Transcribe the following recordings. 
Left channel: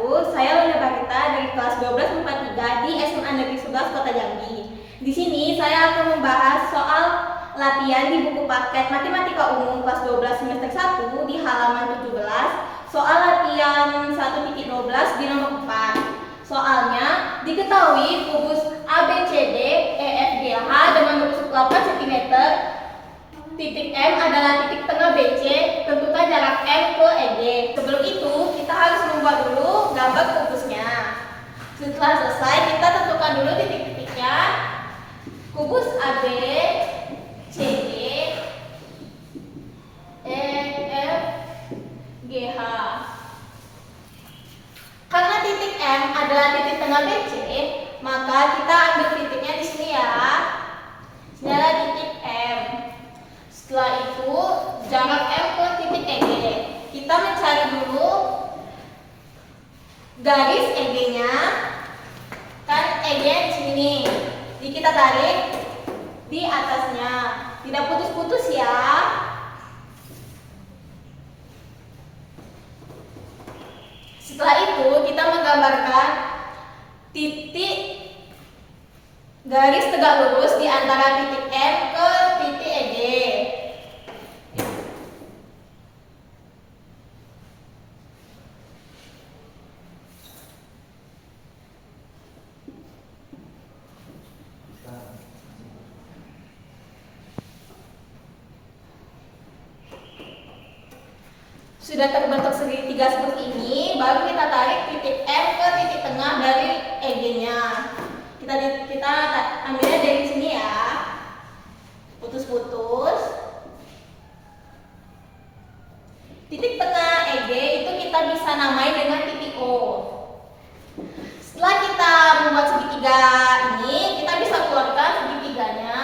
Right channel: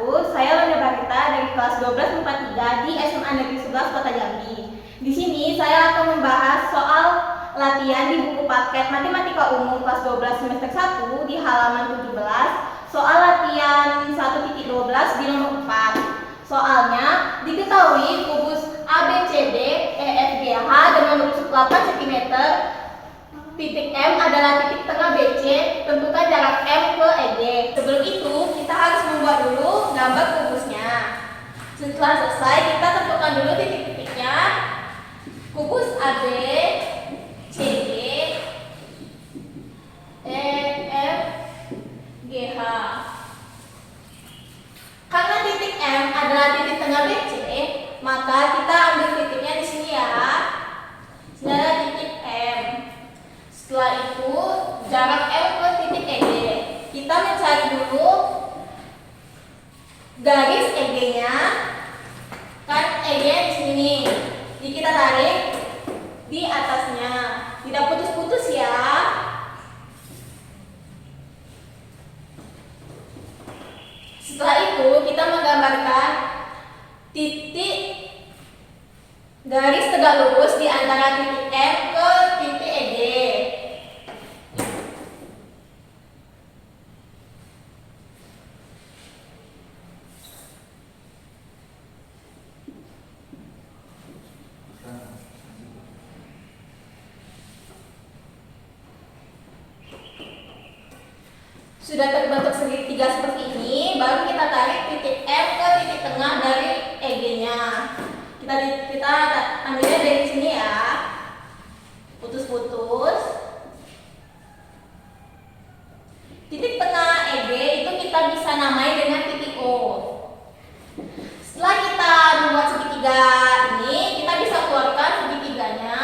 wabarakatuh. Saya Landa Barita dari kelas 1243 di SMA Negeri 11 Kota Jambi. Di sini saya akan membahas soal latihan di buku paket Matematika Umum kelas 12 semester 1 di halaman 17, soal latihan 1.12 di nomor 4. Soalnya diketahui kubus ABCD EFGH dengan lurus 8 cm, titik M adalah titik tengah BC, tentukan jarak M ke EG. Sebelum itu, kita harus membuat dulu gambar kubusnya. Setelah selesai, kita tentukan dulu titik-titiknya. Kubus AB, CD, EF, GH. Karena titik M adalah titik tengah BC, maka kita ambil titiknya di sini ya. Ini adalah titik M. Setelah itu, jarak M ke titik EG. Kita mencari dulu garis EG-nya. Kan EG di sini. Jadi kita tarik di atasnya. Tidak putus-putus ya. Setelah itu, kita menggambarkan titik garis tegak lurus di antara titik M ke titik EG. Sudah terbentuk segitiga seperti ini, baru kita tarik titik M ke titik tengah dari EG-nya. Kita ambilnya dari sini ya. Putus-putus. Titik tengah EG itu kita bisa namai dengan titik O. Setelah kita membuat segitiga ini, kita bisa keluarkan segitiganya.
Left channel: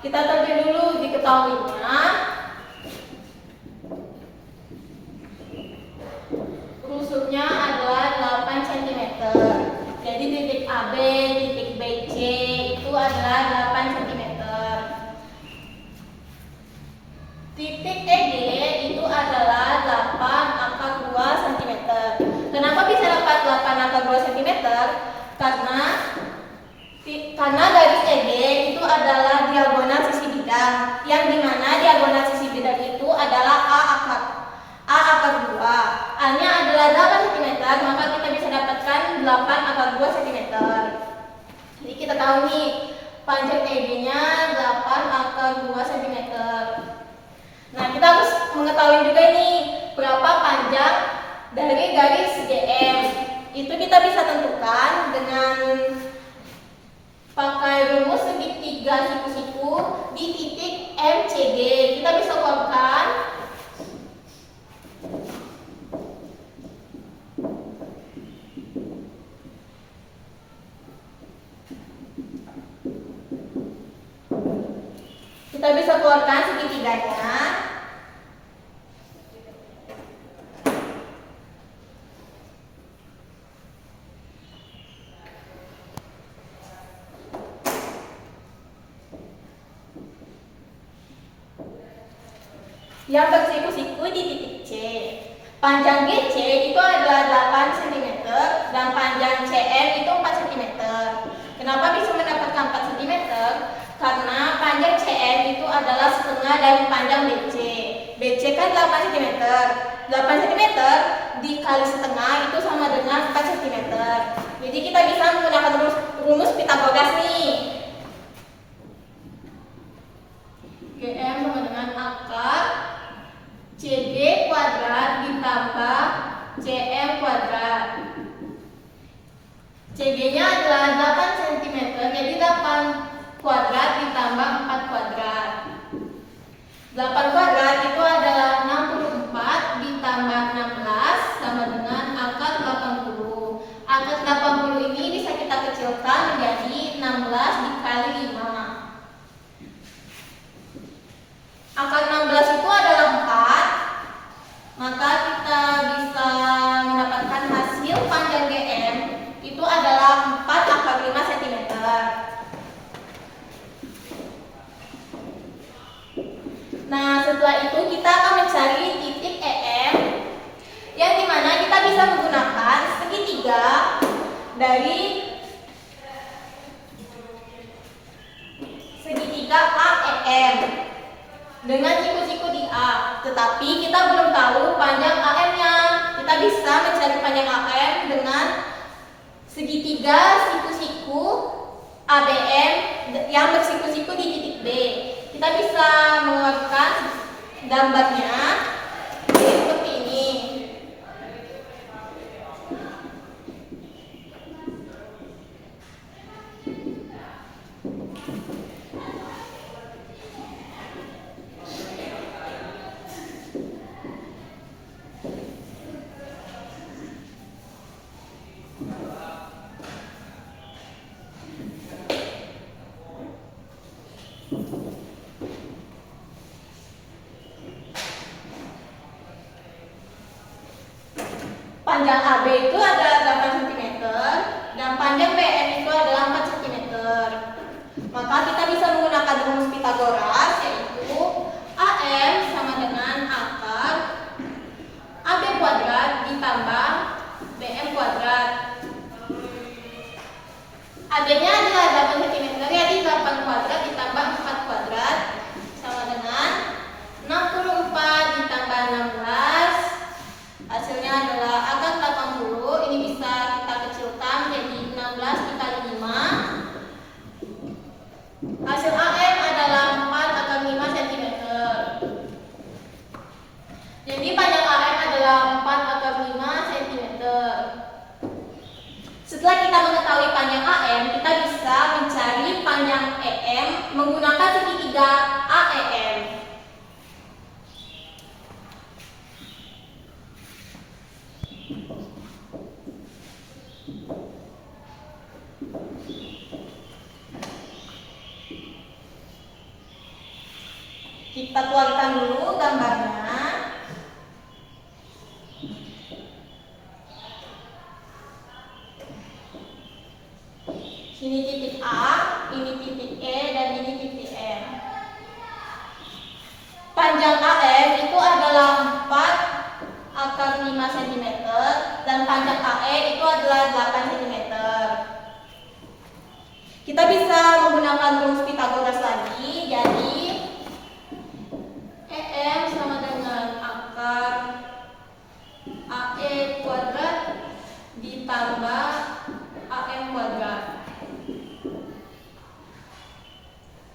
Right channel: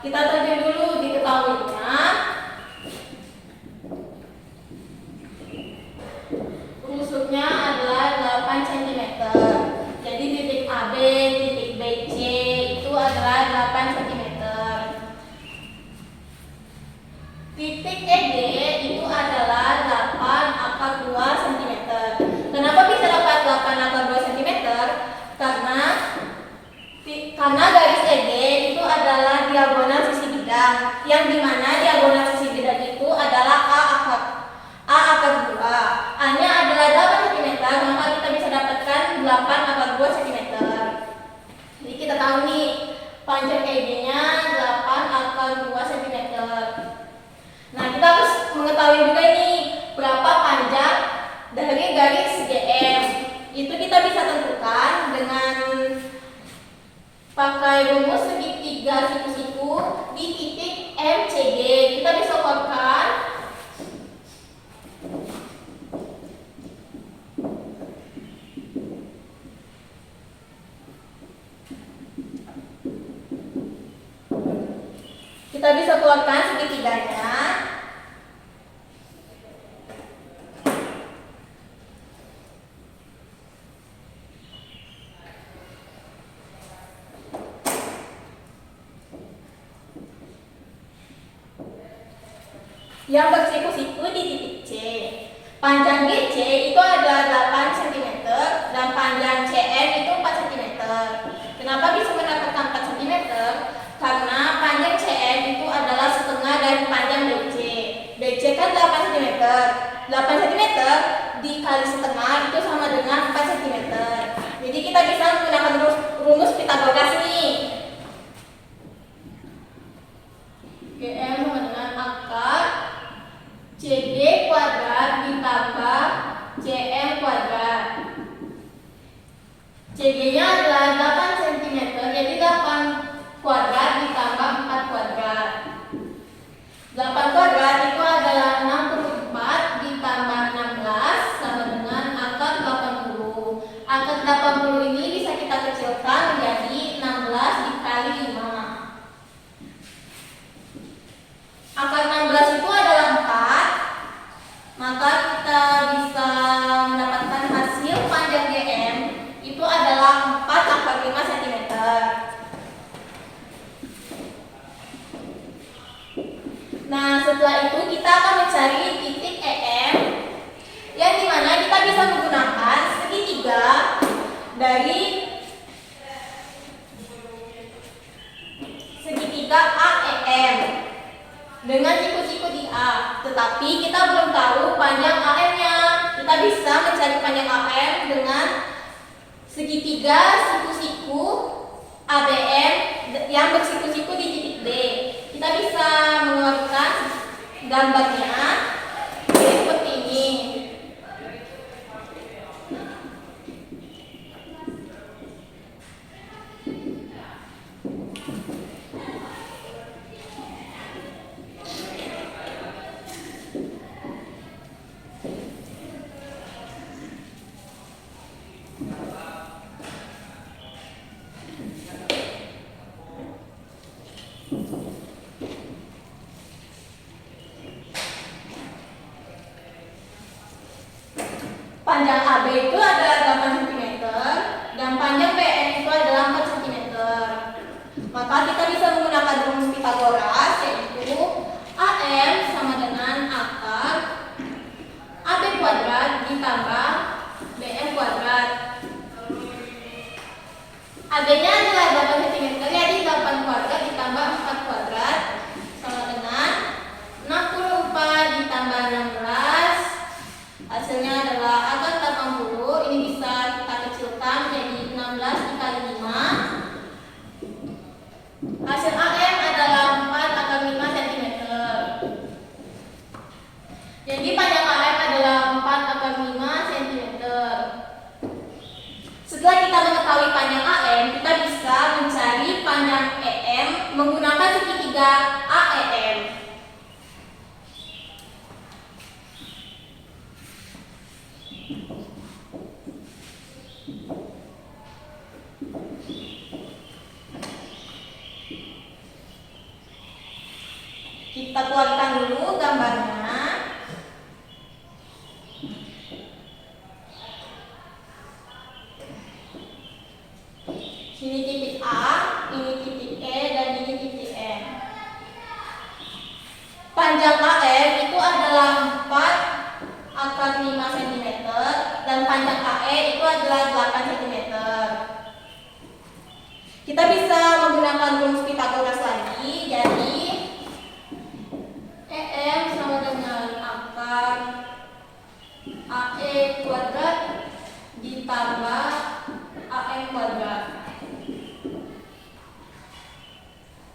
Kita tarik dulu diketahuinya. Rusuknya adalah 8 cm. Jadi titik AB, titik BC itu adalah 8 cm. Titik EG itu adalah 8/2 cm. Kenapa bisa dapat 8/2 cm? Karena garis EG itu adalah diagonal sisi bidang, yang dimana diagonal sisi bidang itu adalah A/2. A-nya adalah 8 cm, maka kita bisa dapatkan 8/2 cm. Jadi kita tahu nih, panjang EG-nya 8/2 cm. Nah, kita harus mengetahui juga nih berapa panjang dari garis GM. Itu kita bisa tentukan dengan pakai rumus segitiga siku-siku di titik MCG. Kita bisa keluarkan segitiganya. Yang bersiku-siku di titik C. Panjang BC itu adalah 8 cm dan panjang CM itu 4 cm. Kenapa bisa mendapatkan 4 cm? Karena panjang CM itu adalah setengah dari panjang BC. BC kan 8 cm. 8 cm dikali setengah itu sama dengan 4 cm. Jadi kita bisa menggunakan rumus Pitagoras nih. GM sama dengan akar CD kuadrat ditambah CM kuadrat. CG-nya adalah 8 cm, jadi 8 kuadrat ditambah 4 kuadrat. 8 kuadrat itu adalah 64 ditambah 16 sama dengan akar 80. Akar 80 ini bisa kita kecilkan menjadi 16 dikali 5. Akar 16 itu adalah 4, maka kita bisa mendapatkan hasil panjang GM itu adalah 4 akar 5 cm. Nah, setelah itu kita akan mencari titik EM, yang dimana kita bisa menggunakan segitiga dari segitiga AEM dengan siku-siku di A. Tetapi kita belum tahu panjang AM-nya. Kita bisa mencari panjang AM dengan segitiga siku-siku ABM yang bersiku-siku di titik B. Kita bisa mengambilkan gambarnya seperti ini. Panjang AB itu adalah 8 cm dan panjang BM itu adalah 4 cm. Maka kita bisa menggunakan rumus Pythagoras, yaitu AM sama dengan akar AB kuadrat ditambah BM kuadrat. AB-nya adalah 8 cm, jadi 8 kuadrat ditambah 4 kuadrat sama dengan 64 ditambah 16. Hasilnya adalah akar 80. Ini bisa kita kecilkan jadi 16 dikali 5. Hasil AM adalah 4 akar 5 cm. Jadi panjang AM adalah 4 akar 5 cm. Setelah kita mengetahui panjang AM, kita bisa mencari panjang EM menggunakan segitiga AEM. Kita tuangkan dulu gambarnya. Sini titik A, ini titik E, dan ini titik M. Panjang AM itu adalah 4 akar 5 cm dan panjang AE itu adalah 8 cm. Kita bisa menggunakan rumus Pythagoras lagi, jadi EM sama dengan akar AE kuadrat ditambah AM kuadrat.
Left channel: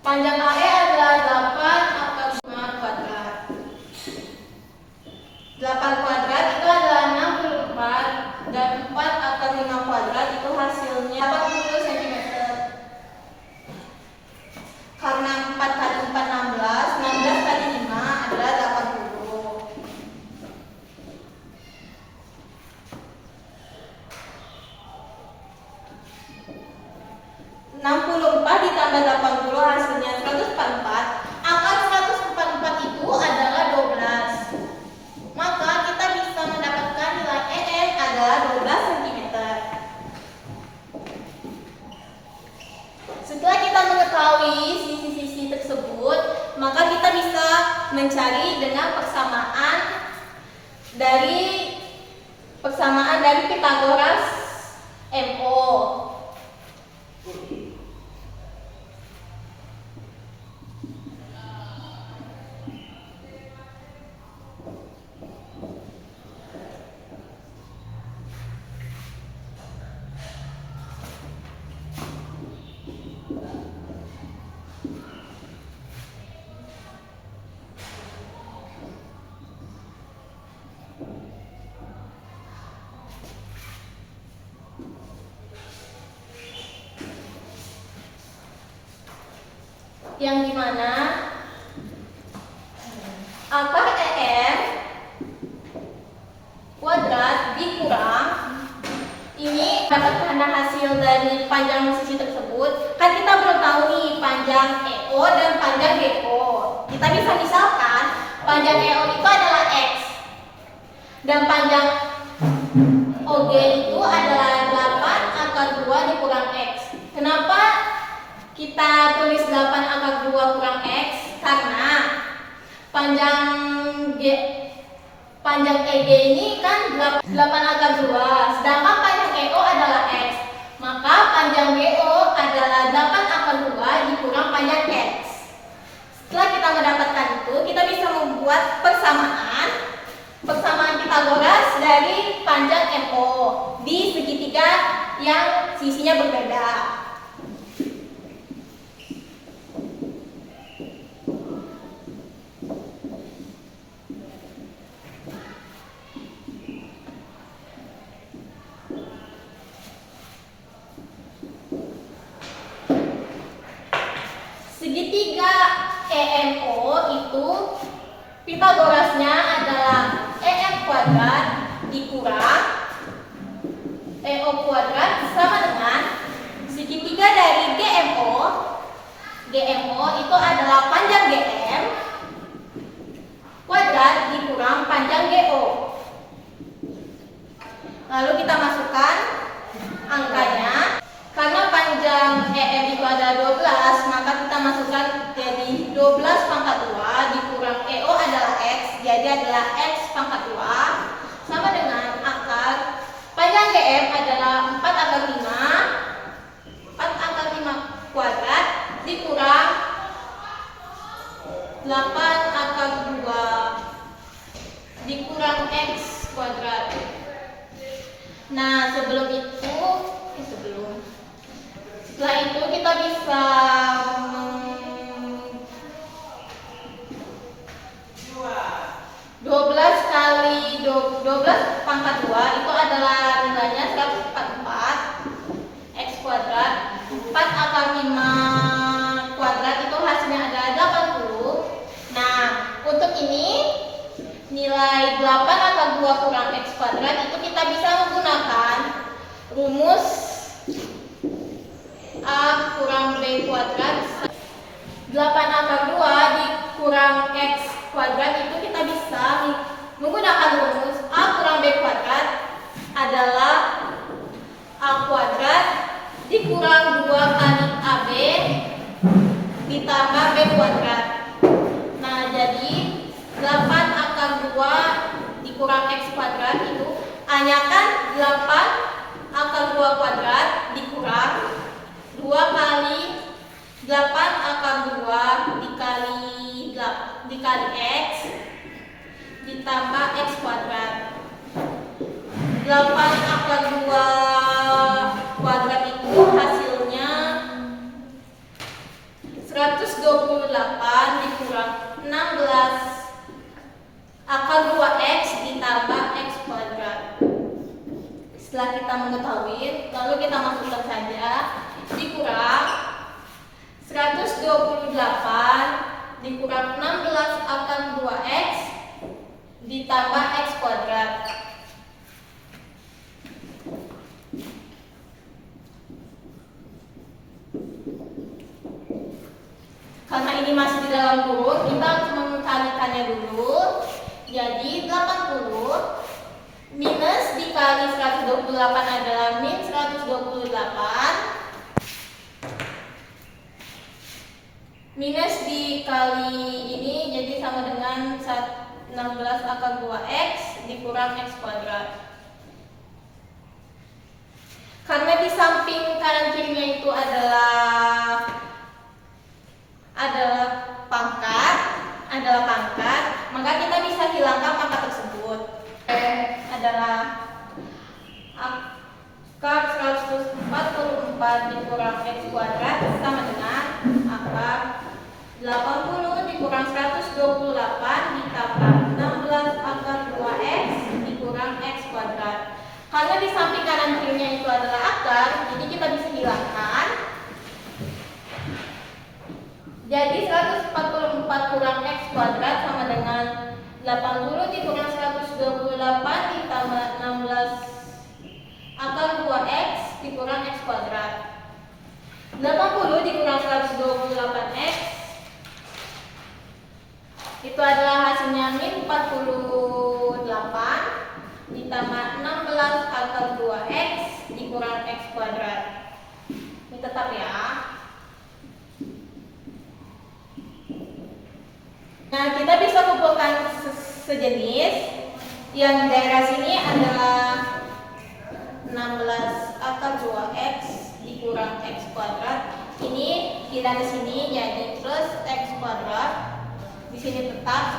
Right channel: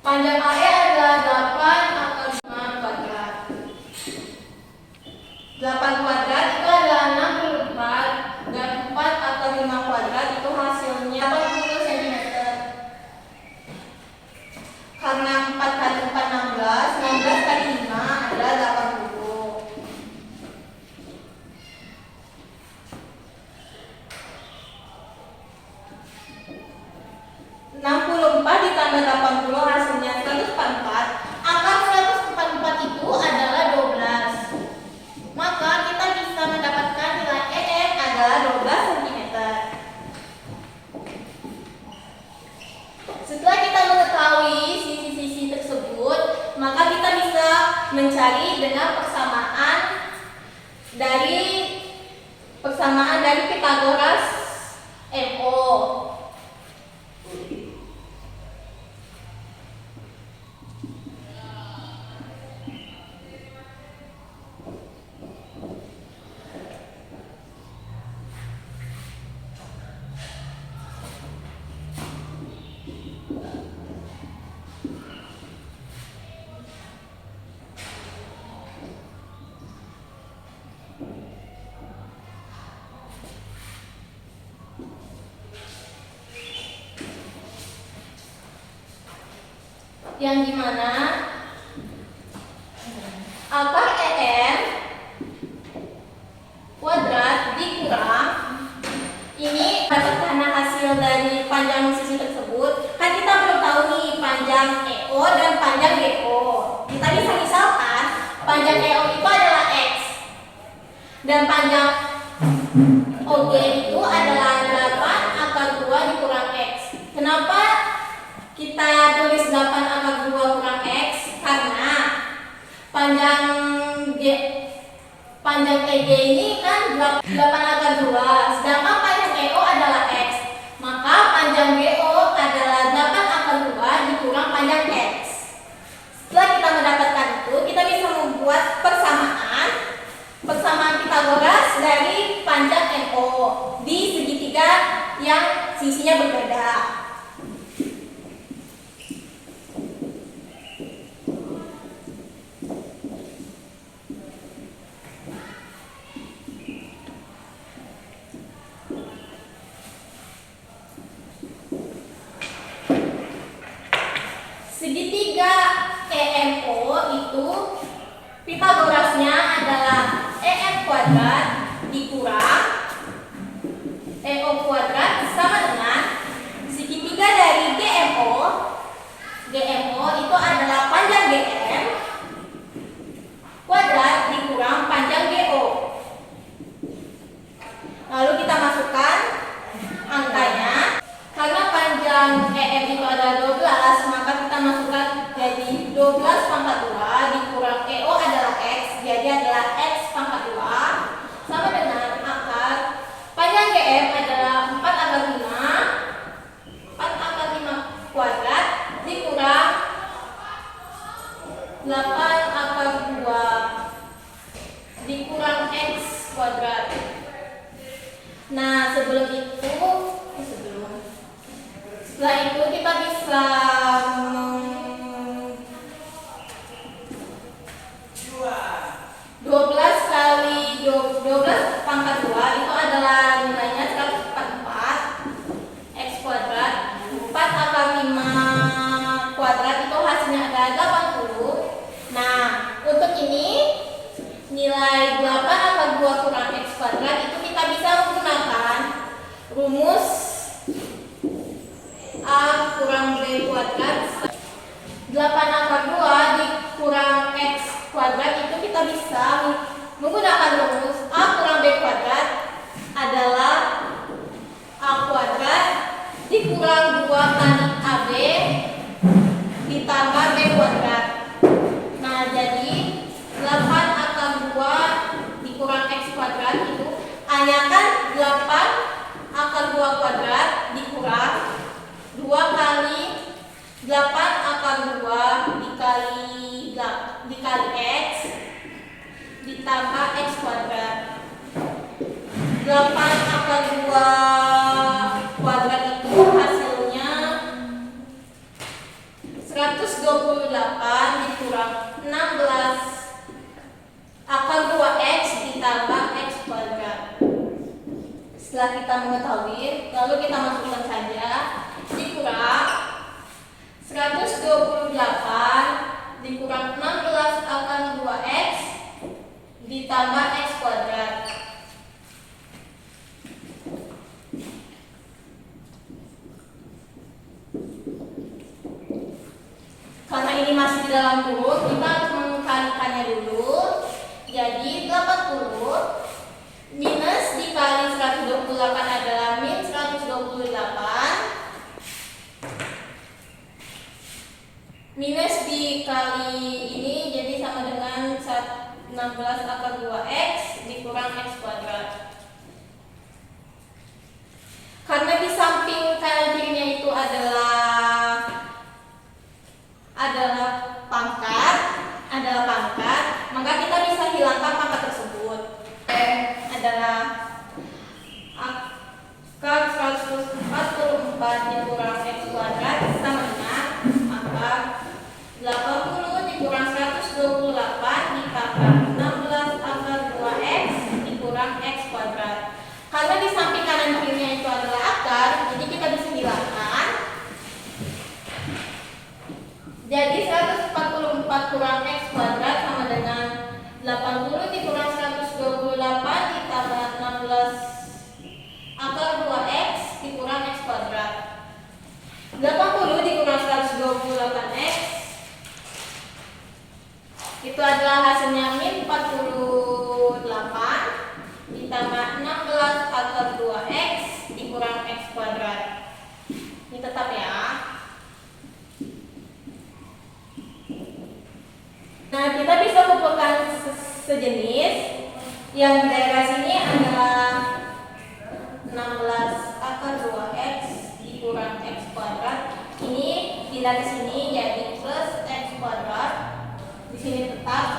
Panjang AE adalah 8 akar 5 kuadrat. 8 kuadrat itu adalah 64 dan 4 akar 5 kuadrat itu hasilnya 80 cm. Karena 4 kali 4 16, 16 kali 5 adalah 80. Ditambah 80 hasilnya 144. Akar 144 itu adalah 12. Maka kita bisa mendapatkan nilai EM adalah 12 cm. Setelah kita mengetahui sisi-sisi tersebut, maka kita bisa mencari dengan persamaan dari Pythagoras MO. Yang dimana akar EM kuadrat dikurang ini karena hasil dari panjang sisi tersebut. Kan kita belum tahu nih panjang EO dan panjang GO. Kita bisa misalkan panjang EO itu adalah X dan panjang OG itu adalah 8 akar 2 dikurang X. Kenapa kita tulis 8 akar 2 kurang X? Karena panjang EG ini kan 8 akar 2, sedangkan panjang EO adalah X. Maka panjang GO adalah 8 akar 2 dikurang panjang X. Setelah kita mendapatkan itu, kita bisa membuat persamaan Pythagoras dari panjang MO di segitiga yang sisinya berbeda. Segitiga EMO itu Pythagorasnya adalah EM kuadrat dikurang EO kuadrat sama dengan segitiga dari GMO. GMO itu adalah panjang GM kuadrat dikurang panjang GO. Lalu kita masukkan angkanya. Karena panjang EM itu adalah 12, maka kita masukkan jadi 12 pangkat 2 dikurang EO adalah X, jadi adalah X pangkat 2 sama dengan akar panjang GM adalah 4 akar 5 kuadrat dikurang 8 akar 2 dikurang X kuadrat. Nah, setelah itu kita bisa 12 kali 12 pangkat 2 itu adalah nilainya 144 X kuadrat. 4 akar 5 kuadrat itu hasilnya adalah 80. Nah, untuk ini nilai 8 akar 2 kurang X kuadrat itu kita bisa menggunakan rumus A kurang B kuadrat. 8 akar 2 dikurang X kuadrat itu kita bisa menggunakan rumus A kurang B kuadrat adalah A kuadrat dikurang 2 kali AB ditambah B kuadrat. Nah, jadi 8 akar 2 dikurang X kuadrat itu A-nya kan 8 akar 2 kuadrat dikurang 2 kali 8 akar 2 dikali X ditambah X kuadrat. 8 akar 2 kuadrat itu hasilnya 128 dikurang 16 akar 2X ditambah X kuadrat. Setelah kita mengetahui, lalu kita masukkan saja dikurang 128 dikurang 16 akar 2X ditambah X kuadrat. Karena ini masih di dalam kurung, kita harus mengkalikannya dulu. Jadi 80 minus dikali 128 adalah min 128. Minus dikali ini jadi sama dengan 16 akar 2X dikurang X kuadrat. Karena di samping kanan kirinya itu adalah pangkat, maka kita bisa hilangkan pangkat tersebut. Adalah akar 144 dikurang X kuadrat sama dengan akar 80 dikurang 128 ditambah 16 akar 2X dikurang X kuadrat. Karena di samping kanan kirinya itu adalah akar, jadi kita bisa hilangkan. Jadi 144 kurang X kuadrat sama dengan 80 dikurang 128 ditambah 16 akar 2X dikurang X kuadrat. 80 dikurang 128X Itu adalah hasilnya min 48 ditambah 16 akar 2x dikurang x kuadrat. Ini tetap ya. Nah, kita bisa kumpulkan sejenis yang di daerah sini adalah 16 akar 2x dikurang x kuadrat. Ini pindah ke sini jadi plus x kuadrat. Di sini tetap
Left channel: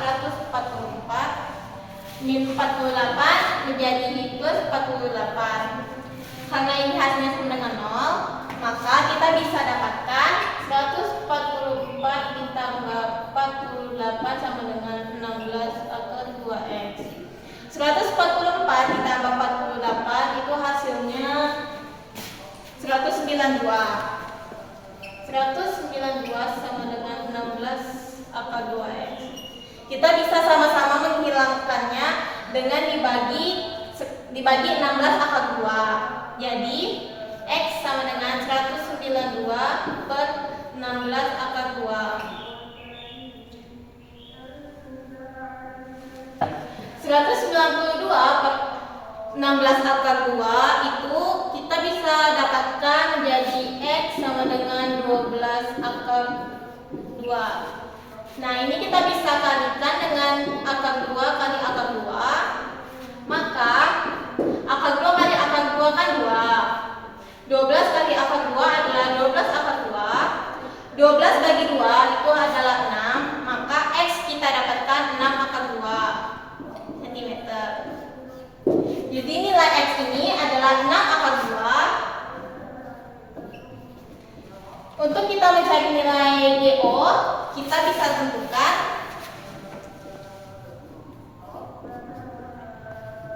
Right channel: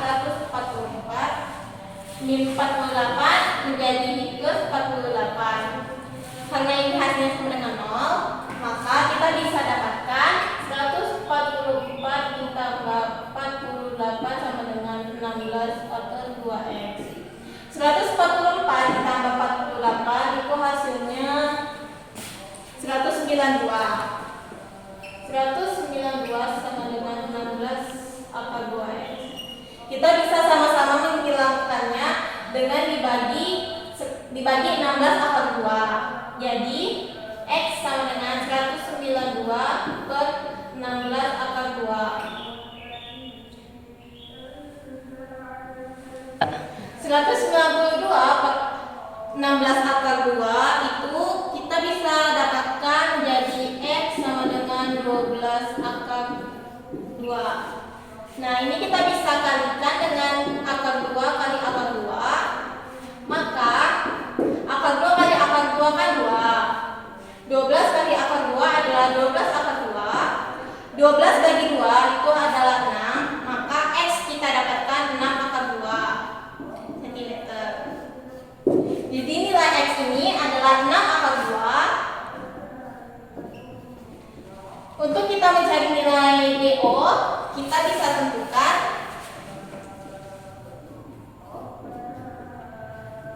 144 min 48 menjadi plus 48. Karena ini hasilnya sama dengan 0, maka kita bisa dapatkan 144 ditambah 48 sama dengan 16 akar 2x. 144 ditambah 48 itu hasilnya 192. 192 sama dengan 16 akar 2x. Kita bisa sama-sama menghilangkannya dengan dibagi 16 akar 2. Jadi x sama dengan 192 per 16 akar 2. 192 per 16 akar 2 itu kita bisa dapatkan menjadi x sama dengan 12 akar 2. Nah, ini kita bisa kalikan dengan akar 2 kali akar 2. Maka akar 2 kali akar 2 kan 2. 12 kali akar 2 adalah 12 akar 2. 12 bagi 2 itu adalah 6. Maka x kita dapatkan 6 akar 2 cm. Jadi nilai x ini adalah 6 akar 2. Untuk kita mencari nilai DO, kita bisa tentukan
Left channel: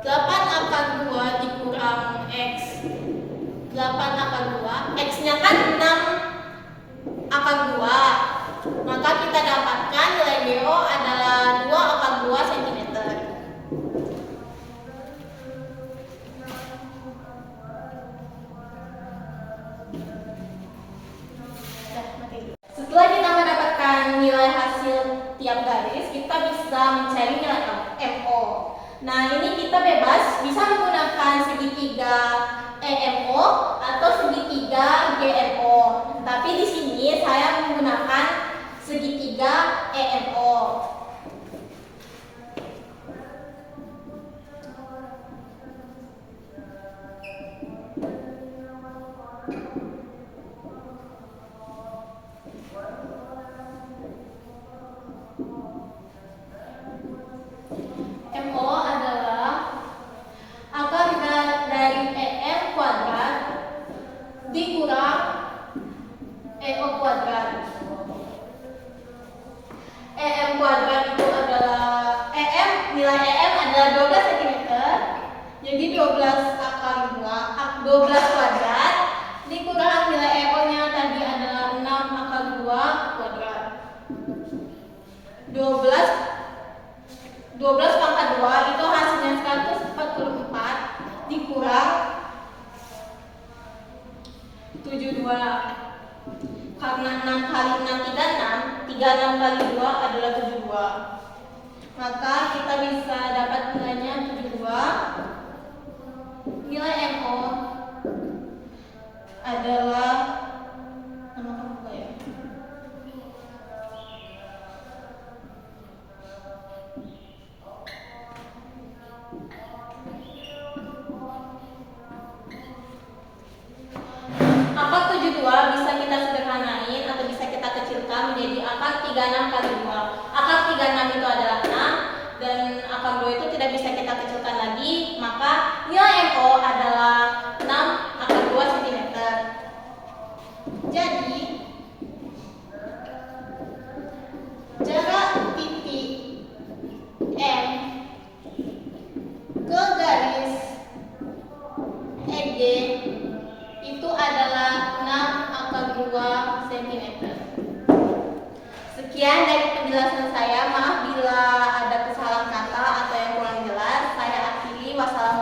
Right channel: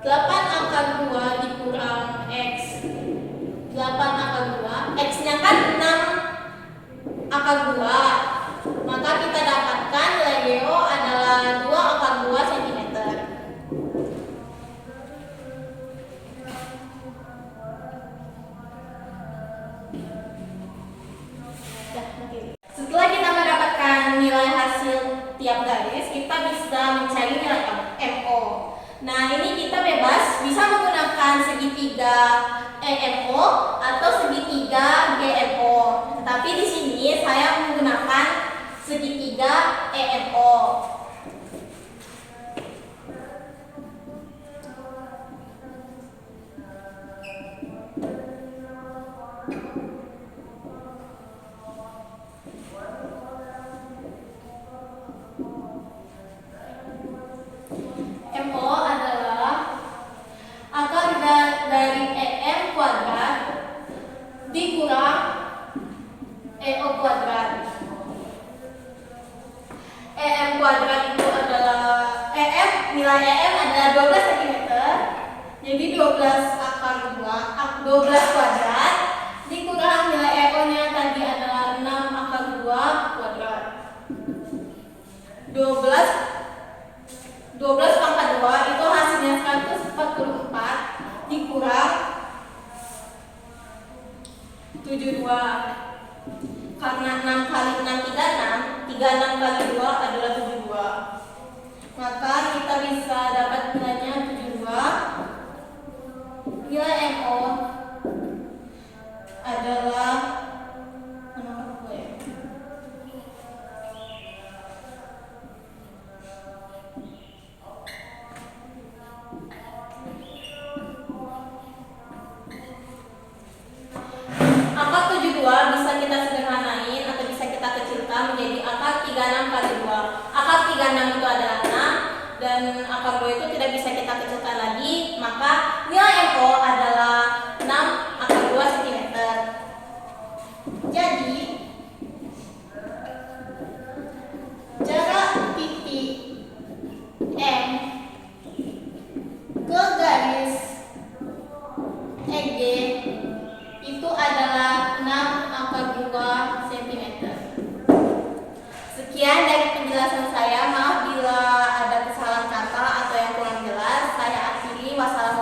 8 akar 2 dikurang x. 8 akar 2, x-nya kan 6 akar 2. Maka kita dapatkan nilai DO adalah 2 akar 2 cm. Setelah kita mendapatkan nilai hasil tiap garis, kita bisa mencari nilai MO. Nah, ini kita bebas bisa menggunakan segitiga EMO atau segitiga GMO. Tetapi di sini saya menggunakan segitiga EMO. MO adalah akar dari EM kuadrat dikurang EO kuadrat. EM kuadrat itu adalah nilai EM adalah 12 cm. Jadi 12 akar 12 kuadrat dikurang nilai EO-nya tadi adalah 6 akar 2 kuadrat. 12 pangkat 2 itu hasilnya 144 dikurang 72. Karena 6 kali 6 36 kali 2 adalah 72. Maka kita bisa dapat nilainya 72. Nilai MO adalah akar 72 bisa kita sederhanain atau bisa kita kecilkan menjadi akar 36 kali 2. Akar 36 itu adalah 6 dan akar 2 itu tidak bisa kita kecilkan lagi, maka nilai MO adalah 6 akar 2 cm. Jadi jarak titik M ke garis EG itu adalah 6 akar 2 cm. Sekian dari penjelasan saya. Maaf bila ada kesalahan kata atau yang kurang jelas. Saya akhiri. Wassalamualaikum.